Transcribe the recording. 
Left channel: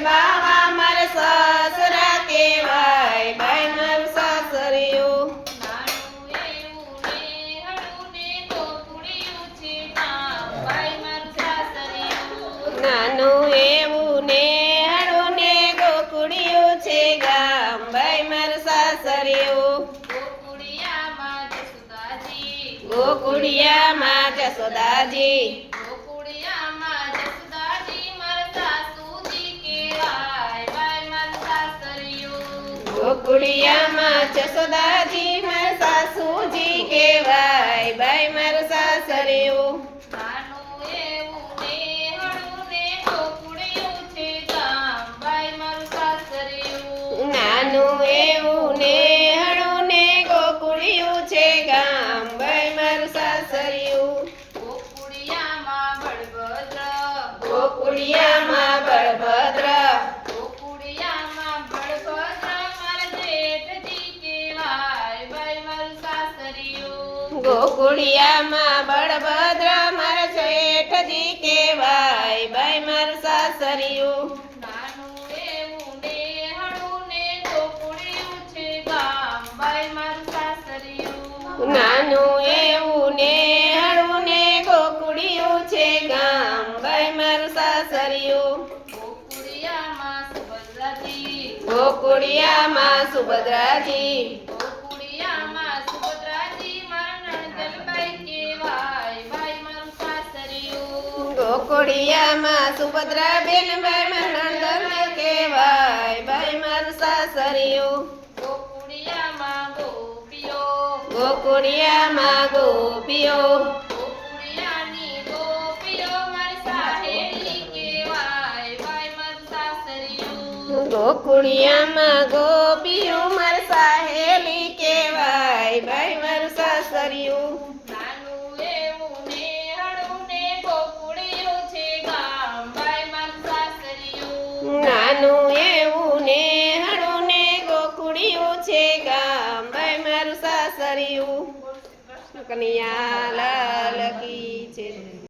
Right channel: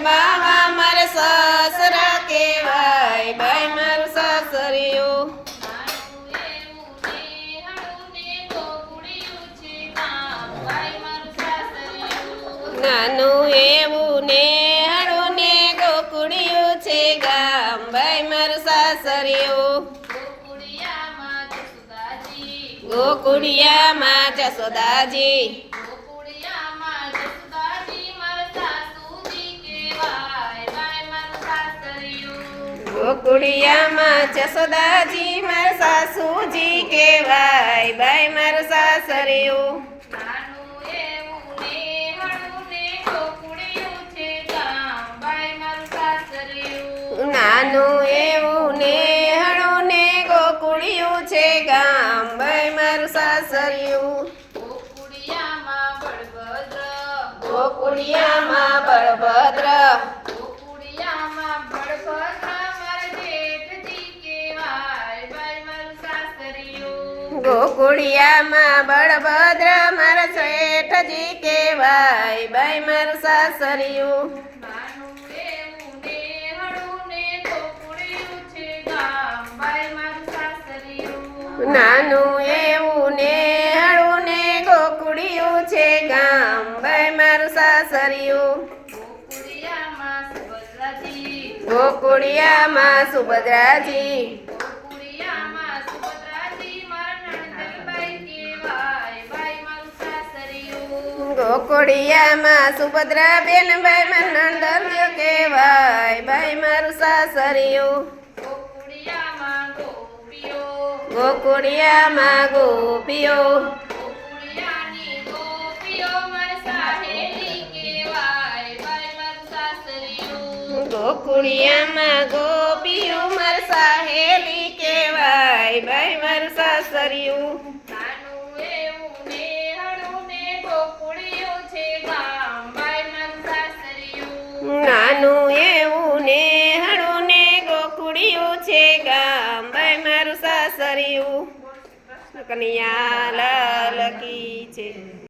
બાવા મારે સસરા કેવાય ભાઈ મારું સાસરિયું નાનું એવું ને હળું ને ગોકુડિયું છે ગામ ભાઈ મારું સાસરિયું ગોકુડિયામાં જસોદાજી ગોકુડિયામાં જસોદાજી મારા સાસુજી કેવાય ભાઈ મારું સાસરિયું નાનું એવું ને હળું ને ગોકુડિયું છે ગામ ભાઈ મારું સાસરિયું ગોકુડિયામાં બળભદ્ર ગોકુડિયામાં બળભદ્ર મારા શેઠજી કેવાય ભાઈ મારું સાસરિયું નાનું એવું ને હળું ને ગોકુડિયું છે ગામ ભાઈ મારું સાસરિયું ગોકુડિયામાં સુભદ્રાજી ગોકુડિયામાં સુભદ્રાબેન ભાઈ મારા નણંદ કેવાય ભાઈ મારું સાસરિયું ગોકુડિયામાં ગોપીઓ ગોકુડિયામાં ગોપીઓ મારા સાહેલી કેવાય ભાઈ મારું સાસરિયું નાનું એવું ને હળું ને ગોકુડિયું છે ગામ ભાઈ મારું સાસરિયું કનૈયા લાલ કી